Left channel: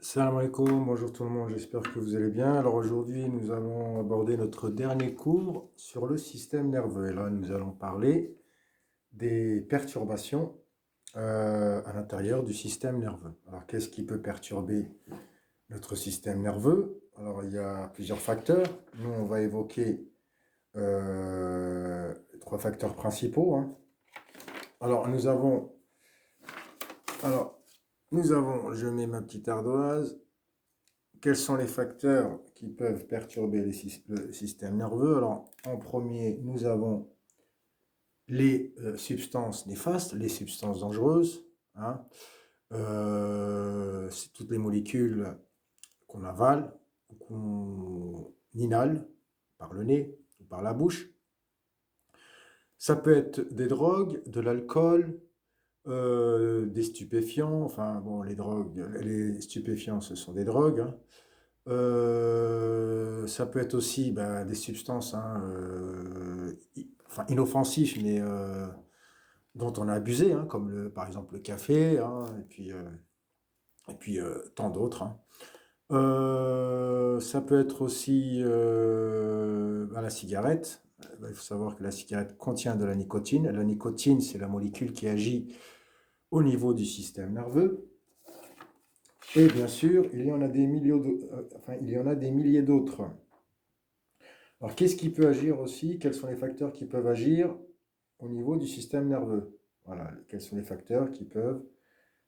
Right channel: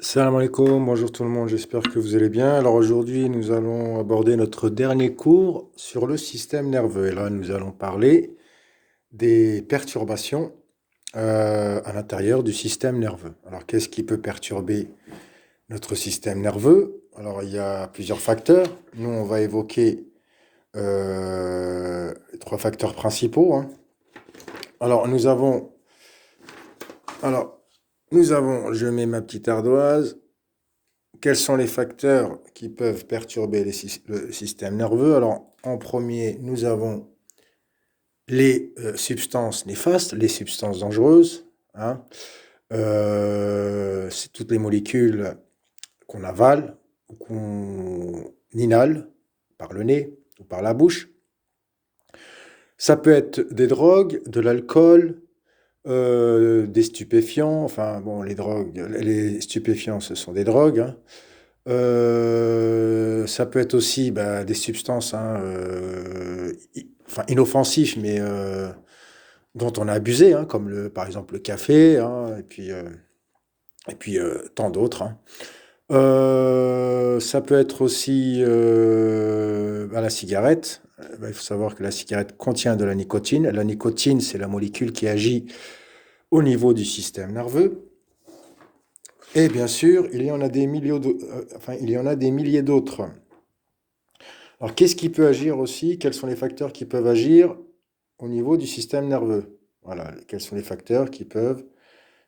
Salam alaikum, bonjour tout le monde, j'espère que vous allez bien. Alors aujourd'hui, nous allons aborder notre dernier cours sur le système nerveux. Et là, nous allons parler des perturbations à l'intérieur du système nerveux. Alors, qu'est-ce qui peut perturber notre système nerveux? Alors, il y a plusieurs facteurs. Nous, on va évoquer les trois facteurs principaux, hein. Alors, alors, je mets ma petite ardoise. Quels sont les facteurs qui peuvent perturber le système nerveux? Alors, en premier, nous avons les substances néfastes, les substances dangereuses, hein. C'est toutes les molécules qu'on avale ou qu'on inhale par le nez ou par la bouche. Ça peut être des drogues, de l'alcool, des stupéfiants. Enfin, bon, les stupéfiants, ce sont des drogues, hein. Ça peut être aussi bah, des substances hein, enfin, inoffensives, mais dont on a abusé, hein, comme par exemple le café, hein, et puis tant d'autres, hein. Ça peut être aussi bah, la cigarette. Bah, il faut savoir que la cigarette contient de la nicotine. La nicotine, c'est la molécule qui agit au niveau du système nerveux. Et bien sûr, il y en a des milliers d'autres. Alors, qu'est-ce qui peut agir aussi? Quels sont les facteurs qui peuvent agir au niveau du système nerveux? Voilà, quels sont les facteurs qui peuvent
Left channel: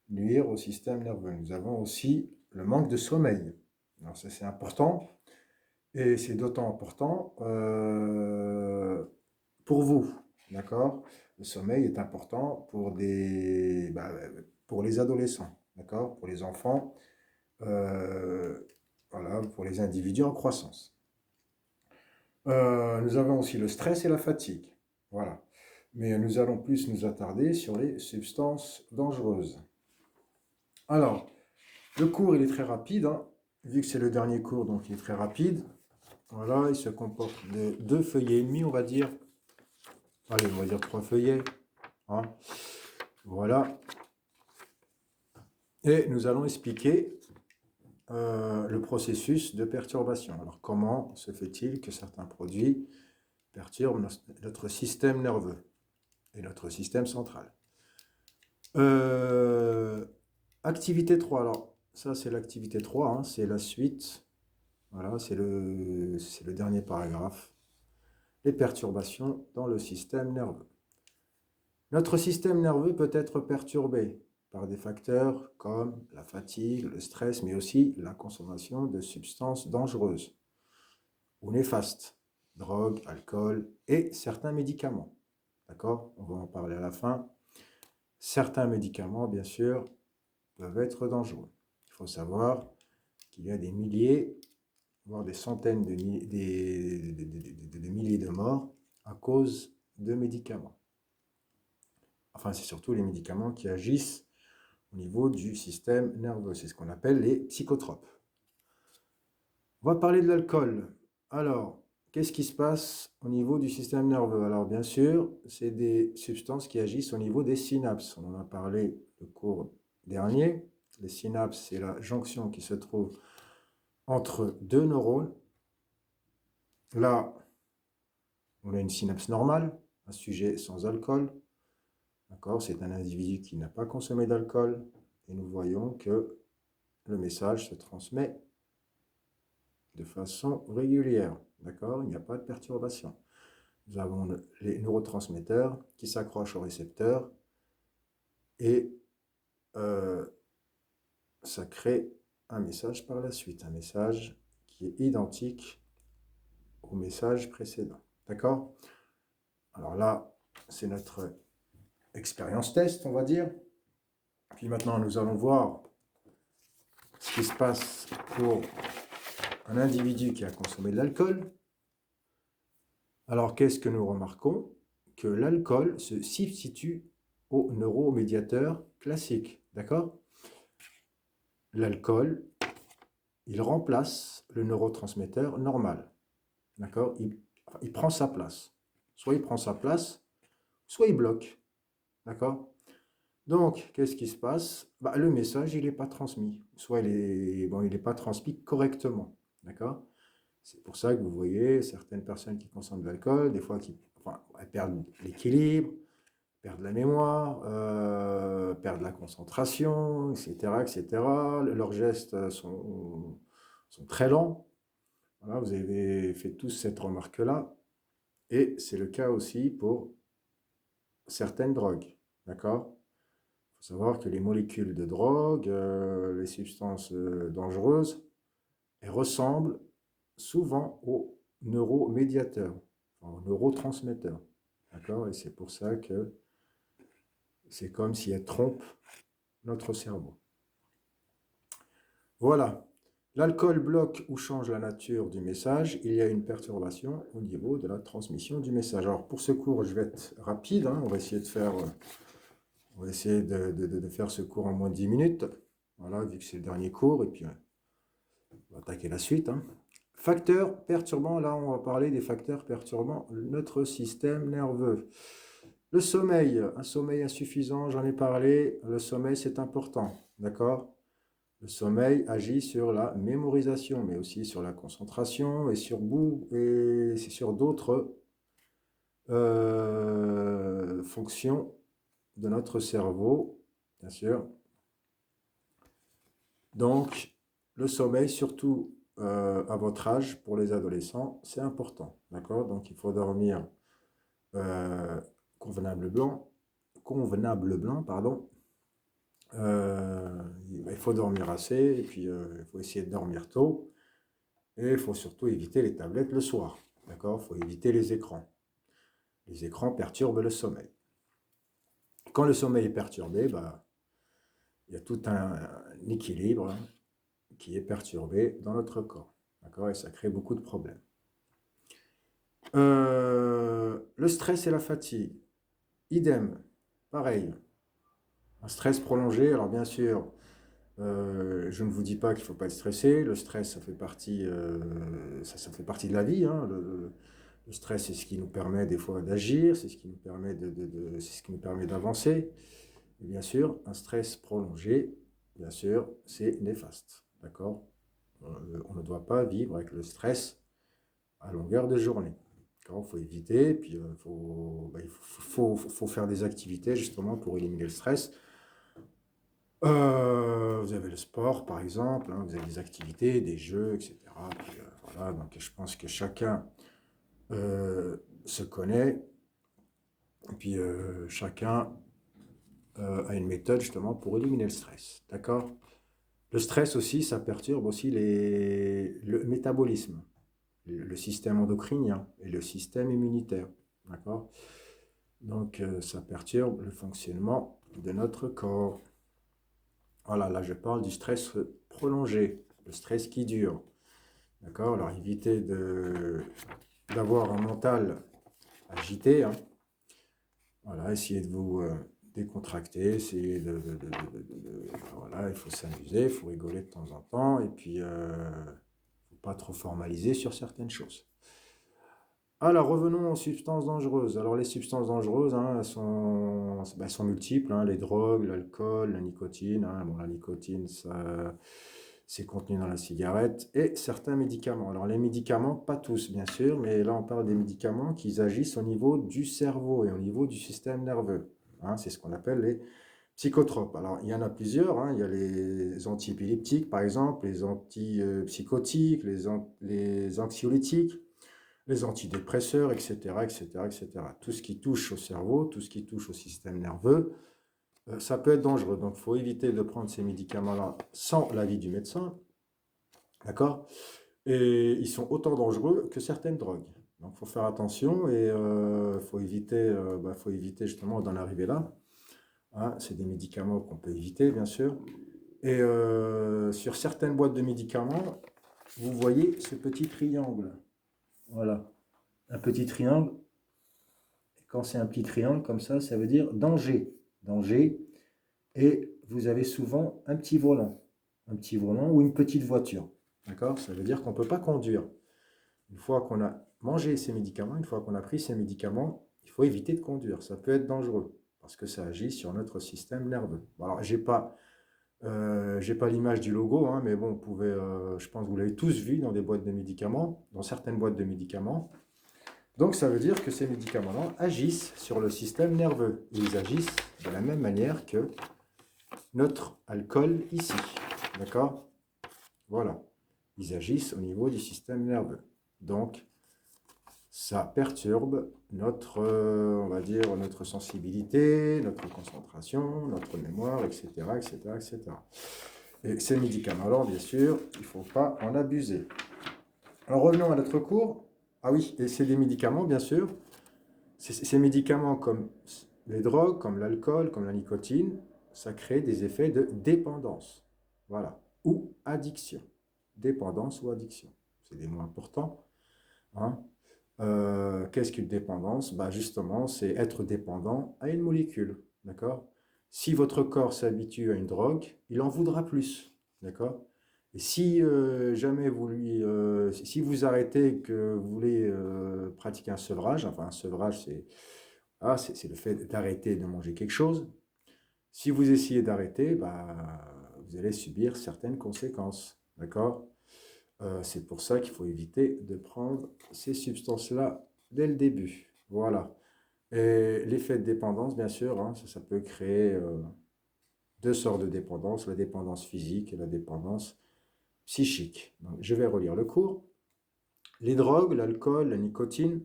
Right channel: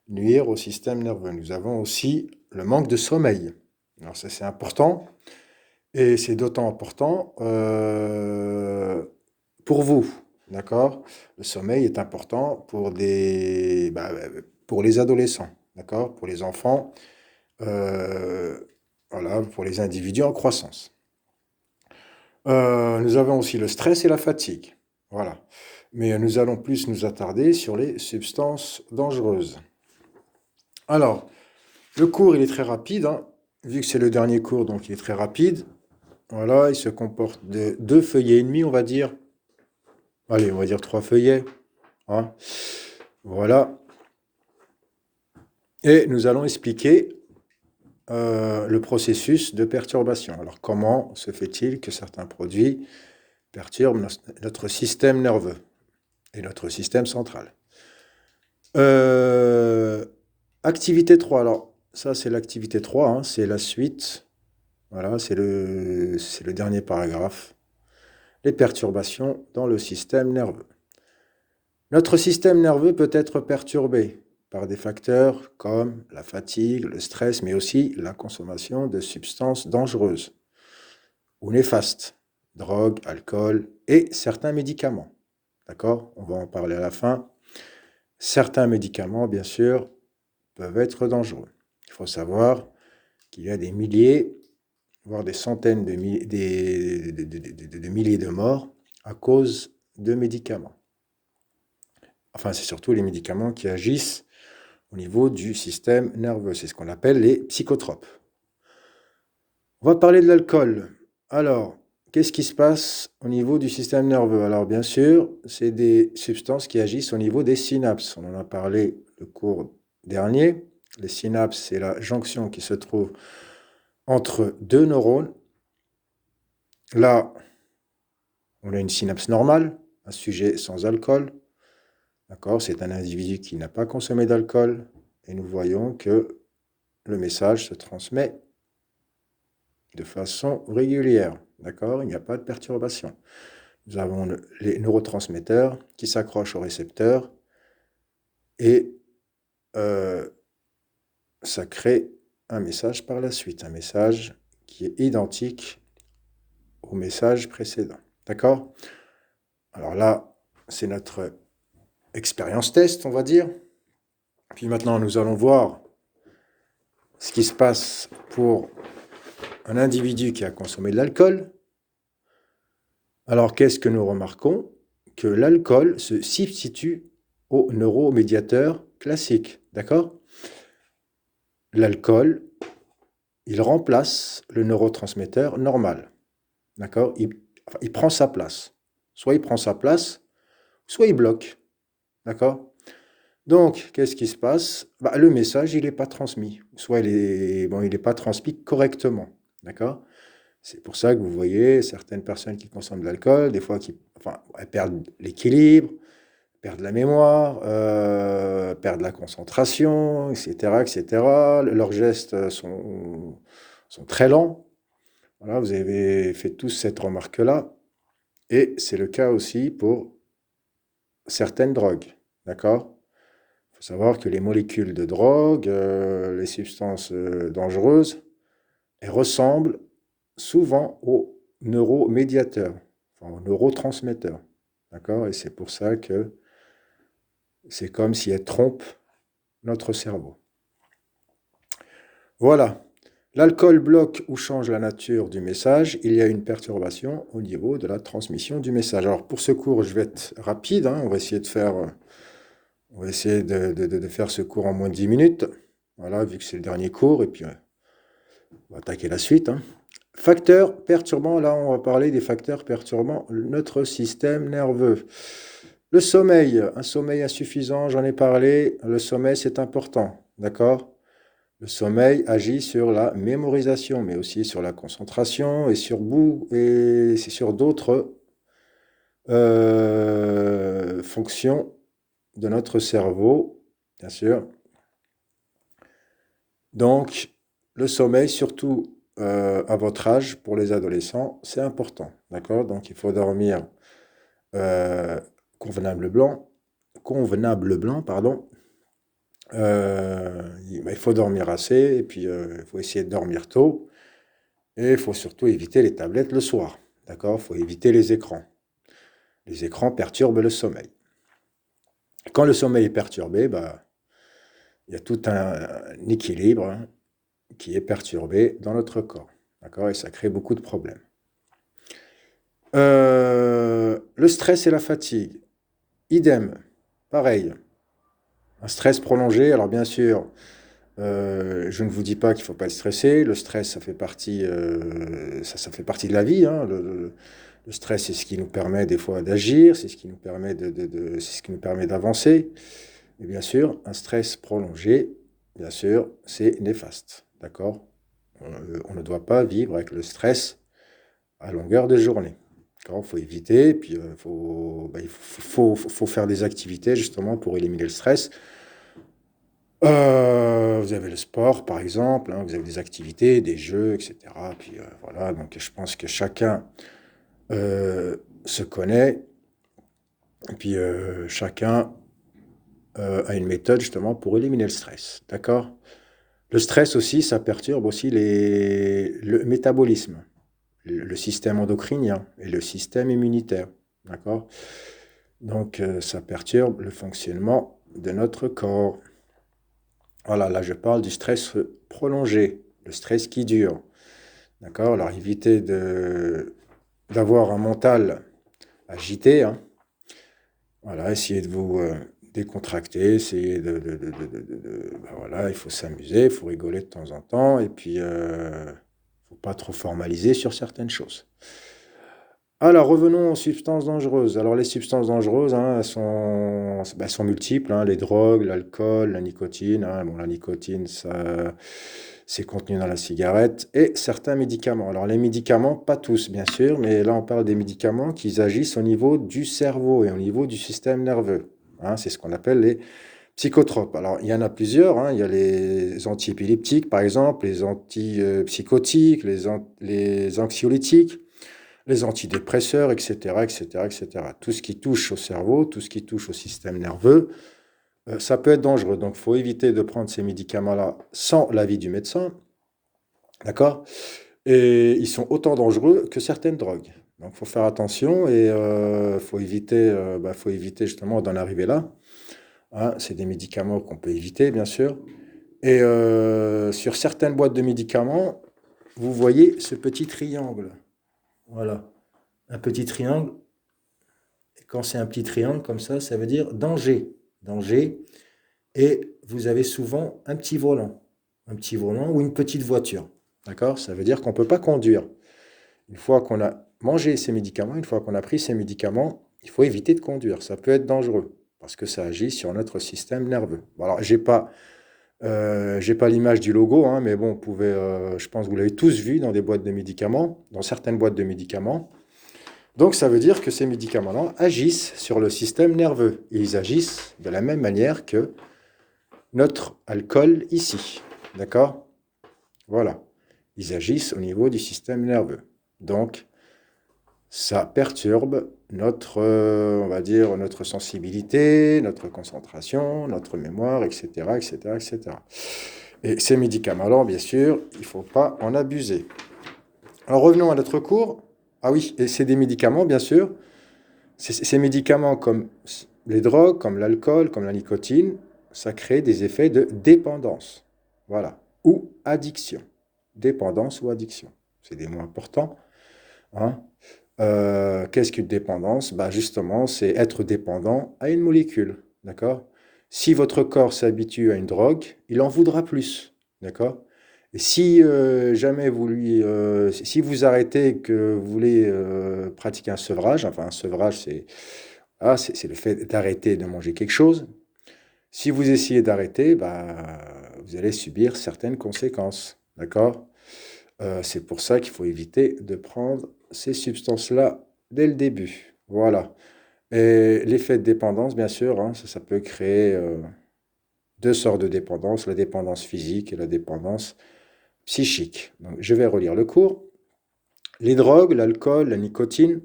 nuire au système nerveux? Nous avons aussi le manque de sommeil. Alors, ça, c'est important. Et c'est d'autant important pour vous, d'accord? Le sommeil est important pour les adolescents, d'accord? Pour les enfants, euh, voilà, pour les individus en croissance. Nous avons aussi le stress et la fatigue. Voilà. Mais nous allons plus nous attarder sur les substances dangereuses. Alors, le cours, il est très rapide, hein. Vu que c'est le dernier cours, donc il est très rapide. Voilà, il se comporte de 2 feuillets et demi, on va dire. Allez, on va dire 3 feuillets, hein. Voilà. Et nous allons expliquer le processus de perturbation. Alors, comment se fait-il que certains produits perturbent notre système nerveux et notre système central? Euh, Activité 3. Alors, ça, c'est l'activité 3, hein, c'est la suite. Voilà, c'est le dernier paragraphe. Les perturbations dans le système nerveux. Notre système nerveux peut être perturbé par des facteurs comme la fatigue, le stress, mais aussi la consommation de substances dangereuses ou néfastes, drogue, alcool et certains médicaments. D'accord? On va en parler à la fin. Certains médicaments, bien sûr, peuvent être dangereux. Il faut savoir qu'il y a des milliers, voire des centaines de milliers de morts à cause de médicaments. Enfin, c'est surtout les médicaments qui agissent au niveau du système nerveux. C'est ce qu'on appelle les psychotropes. On va parler de l'alcool. Alors, qu'est-ce qui se passe au niveau du système nerveux? Alors, bien sûr, c'est des substances qui agissent au niveau des synapses. On en a parlé le cours dernier. Les synapses, c'est la jonction qui se trouve entre deux neurones. Là, on a une synapse normale, un sujet sans alcool. D'accord? C'est un individu qui n'a pas consommé d'alcool. Et nous voyons que le message se transmet de façon régulière. D'accord? Il n'y a pas de perturbation. Nous avons les neurotransmetteurs qui s'accrochent au récepteur et euh, ça crée un message par la suite, un message qui est identique au message précédent. D'accord? Alors là, c'est notre expérience test, on va dire. Puis maintenant, nous allons voir ce qui se passe pour un individu qui a consommé de l'alcool. Alors, qu'est-ce que nous remarquons? Que l'alcool se substitue au neuromédiateur classique. D'accord? L'alcool, il remplace le neurotransmetteur normal. D'accord? Il prend sa place. Soit il prend sa place, soit il bloque. D'accord? Donc, qu'est-ce qui se passe? Bah, le message, il n'est pas transmis. Soit bon, il n'est pas transmis correctement. D'accord? C'est pour ça que vous voyez certaines personnes qui consomment de l'alcool, des fois, enfin, elles perdent l'équilibre, perdent la mémoire, perdent la concentration, etc., etc. Leurs gestes sont très lents. Voilà, vous avez fait tous cette remarque-là. Et c'est le cas aussi pour certaines drogues. D'accord? Il faut savoir que les molécules de drogue, les substances dangereuses, elles ressemblent souvent aux neuromédiateurs, enfin, aux neurotransmetteurs. D'accord? Et c'est pour ça que c'est comme si elles trompent notre cerveau. Voilà. L'alcool bloque ou change la nature du message. Il y a une perturbation au niveau de la transmission du message. Alors pour ce cours, je vais être rapide, hein. On va essayer de faire, faire ce cours en moins de 10 minutes. Voilà, vu que c'est le dernier cours. Et puis on va attaquer la suite, hein. Facteurs perturbants, là on va parler des facteurs perturbant notre système nerveux. Le sommeil, un sommeil insuffisant, j'en ai parlé. Le sommeil, c'est important, d'accord? Le sommeil agit sur la mémorisation, mais aussi sur la concentration et sur d'autres fonctions de notre cerveau, bien sûr. Donc, le sommeil, surtout à votre âge, pour les adolescents, c'est important, d'accord? Donc, il faut dormir euh, convenable blanc, pardon. Il faut dormir assez, et puis il faut essayer de dormir tôt. Et il faut surtout éviter les tablettes le soir. D'accord? Il faut éviter les écrans. Les écrans perturbent le sommeil. Quand le sommeil est perturbé, bah, il y a tout un équilibre, hein, qui est perturbé dans notre corps. D'accord? Et ça crée beaucoup de problèmes. Le stress et la fatigue. Idem. Pareil. Un stress prolongé. Alors bien sûr, je ne vous dis pas qu'il ne faut pas être stressé. Le stress, ça fait partie, ça fait partie de la vie, hein. Le stress, c'est ce qui nous permet des fois d'agir, c'est ce qui nous permet c'est ce qui nous permet d'avancer. Et bien sûr, un stress prolongé, bien sûr, c'est néfaste. D'accord? On ne doit pas vivre avec le stress à longueur de journée. Il faut éviter, puis il faut faire des activités justement pour éliminer le stress. Vous avez le sport, par exemple, hein, vous avez des activités, des jeux, etc. Puis voilà, donc je pense que chacun se connaît, et puis chacun a une méthode justement pour éliminer le stress. D'accord? Le stress aussi, ça perturbe aussi le métabolisme, le système endocrinien et le système immunitaire. D'accord? Donc ça perturbe le fonctionnement de notre corps. Voilà, là je parle du stress prolongé, le stress qui dure. D'accord? Alors évitez d'avoir un mental agité, hein. Voilà, essayez de vous décontracter, essayez ben voilà, il faut s'amuser, il faut rigoler de temps en temps, et puis il ne faut pas trop formaliser sur certaines choses. Alors, revenons aux substances dangereuses. Alors, les substances dangereuses, hein, elles sont multiples, hein, les drogues, l'alcool, la nicotine, hein. Bon, la nicotine, c'est contenu dans la cigarette. Et certains médicaments. Alors, les médicaments, pas tous, bien sûr, mais là, on parle des médicaments qui agissent au niveau du cerveau et au niveau du système nerveux, hein. C'est ce qu'on appelle les psychotropes. Alors, il y en a plusieurs, hein. Il y a les antiépileptiques, par exemple, les antipsychotiques, les anxiolytiques, les antidépresseurs, etc., etc., etc. Tout ce qui touche au cerveau, tout ce qui touche au système nerveux, ça peut être dangereux. Donc, il faut éviter de prendre ces médicaments-là sans l'avis du médecin. D'accord? Et ils sont autant dangereux que certaines drogues. Donc, il faut faire attention et faut éviter justement d'en arriver là, hein. C'est des médicaments qu'on peut éviter, bien sûr. Et sur certaines boîtes de médicaments, vous voyez ce petit triangle. Voilà. Un petit triangle. Quand c'est un petit triangle comme ça veut dire danger. Danger. Et vous avez souvent un petit volant. Un petit volant ou une petite voiture. D'accord? Ça veut dire qu'on ne peut pas conduire. Une fois qu'on a mangé ces médicaments, une fois qu'on a pris ces médicaments, il faut éviter de conduire. Ça peut être dangereux. parce que ça agit sur notre système nerveux. Bon, alors, j'ai pas l'image du logo, hein, mais bon, vous pouvez, je pense que vous l'avez tous vu dans des boîtes de médicaments, dans certaines boîtes de médicaments. Donc, ça veut dire que ces médicaments-là agissent sur le système nerveux. Ils agissent de la même manière que notre alcool ici. D'accord? Voilà. Ils agissent au niveau du système nerveux. Donc, ça perturbe notre, on va dire, notre sensibilité, notre concentration, notre mémoire, etc., etc., etc. Et ces médicaments-là, bien sûr, il ne faut pas en abuser. Alors, revenons à notre cours. Ah oui, et c'est des médicaments, bien sûr. Ces médicaments comme les drogues, comme l'alcool, comme la nicotine, ça crée des effets de dépendance. Voilà. Ou addiction. Dépendance ou addiction. C'est des mots importants. Hein. Qu'est-ce qu'une dépendance? Bah, justement, c'est être dépendant à une molécule. D'accord? Si votre corps s'habitue à une drogue, il en voudra plus. D'accord? Et si jamais si vous arrêtez et que vous voulez pratiquer un sevrage, enfin un sevrage, c'est le fait d'arrêter de manger quelque chose. Si vous essayez d'arrêter, bah, vous allez subir certaines conséquences. D'accord? C'est pour ça qu'il faut éviter de prendre ces substances-là dès le début. Voilà. Et l'effet de dépendance, bien sûr, hein, ça peut créer deux sortes de dépendance, la dépendance physique et la dépendance psychique. Donc, je vais relire le cours. Les drogues, l'alcool, la nicotine,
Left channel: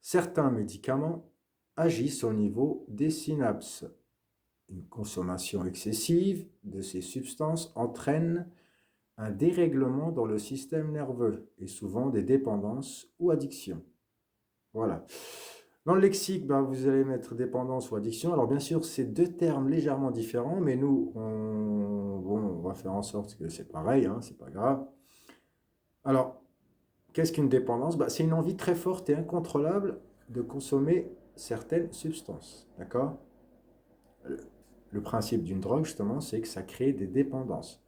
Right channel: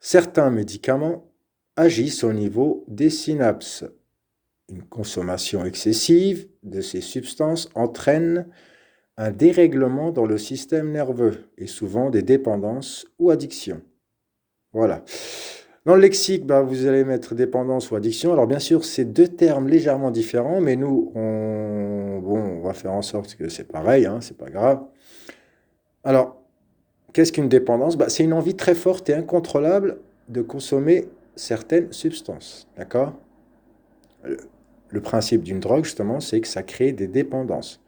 certains médicaments agissent au niveau des synapses. Une consommation excessive de ces substances entraîne un dérèglement dans le système nerveux et souvent des dépendances ou addictions. Voilà. Dans le lexique, bah, vous allez mettre dépendance ou addiction. Alors bien sûr, c'est deux termes légèrement différents, mais nous, on va faire en sorte que c'est pareil, hein, c'est pas grave. Alors, qu'est-ce qu'une dépendance? Bah, c'est une envie très forte et incontrôlable de consommer certaines substances. D'accord? Le, le principe d'une drogue, justement, c'est que ça crée des dépendances.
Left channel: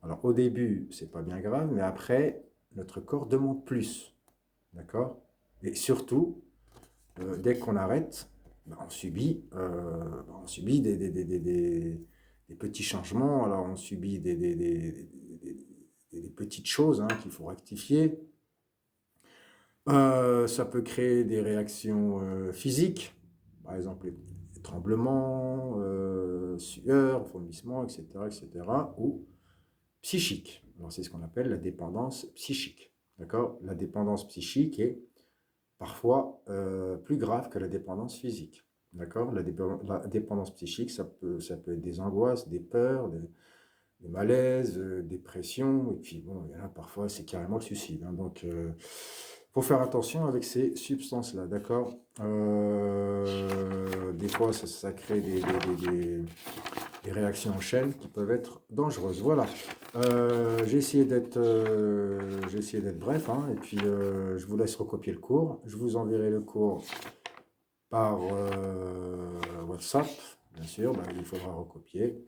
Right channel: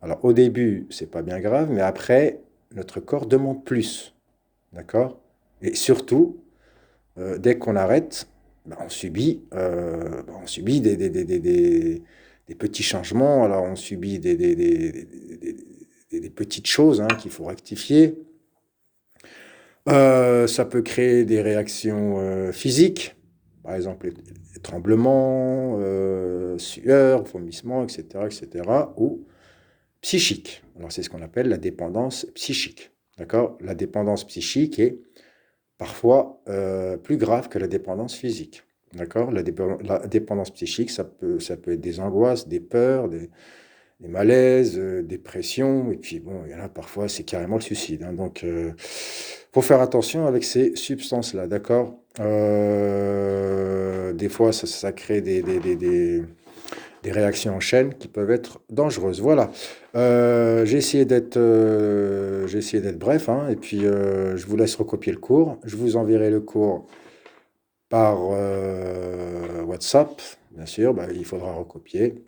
Alors, au début, c'est pas bien grave, mais après, notre corps demande plus. D'accord? Et surtout, dès qu'on arrête, ben, on subit des petits changements. Alors, on subit des petites choses hein, qu'il faut rectifier. Ça peut créer des réactions physiques, par exemple les tremblements, sueur, vomissements, etc., etc., ou psychiques. Alors, c'est ce qu'on appelle la dépendance psychique. D'accord? La dépendance psychique est parfois plus grave que la dépendance physique. D'accord? La dépendance psychique, ça peut être des angoisses, des peurs, des malaises, dépressions, et puis bon, il y en a parfois, c'est carrément le suicide. Hein. Donc, faut faire attention avec ces substances-là, d'accord? Des fois, ça crée des réactions en chaîne qui peuvent être dangereuses. Voilà. J'ai essayé d'être bref, hein, et puis je vous laisse recopier le cours. Je vous enverrai le cours par WhatsApp, bien sûr, bah, il faudra recopier.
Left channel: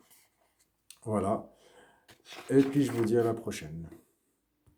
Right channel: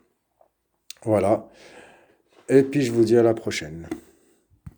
Voilà. Et puis je vous dis à la prochaine.